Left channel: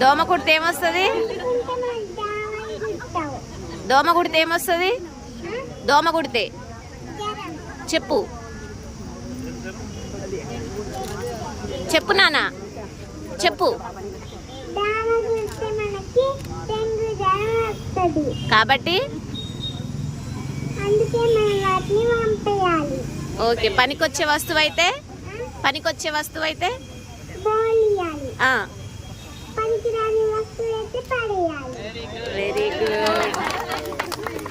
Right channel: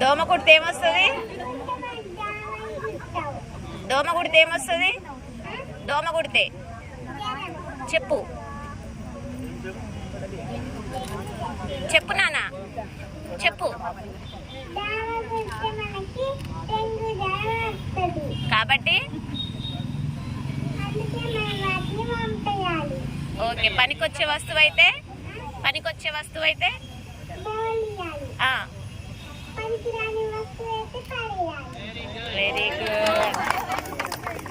దోమ కుడితే ఏమొస్తుంది? దోమ కుడితే ఏమొస్తుంది? దోమ కుడితే. చెప్పు. చెప్పు నాన్న. చెప్పు. కాబట్టి? ఓకే పనికొచ్చే వస్తువు అయితే పనికొచ్చే వస్తువు అయితే? Very good